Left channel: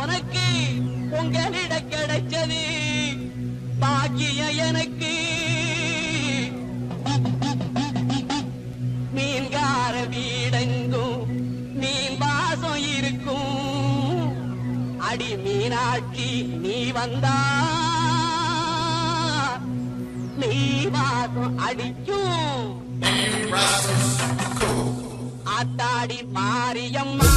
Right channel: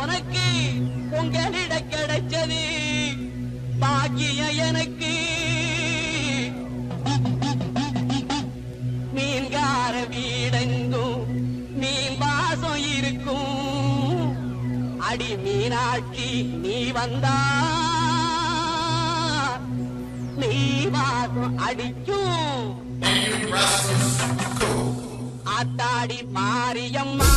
உனக்கு உங்களிட கிடைச்சது பாக்கியம் எனக்கு. மீன்கார வீடெங்கும் மீன் வாசம் இருக்கும். அடி மீனாட்சி நீ வந்தா நீ வாசம் அடிக்கும். ஆத்தாடி மாரியம்மா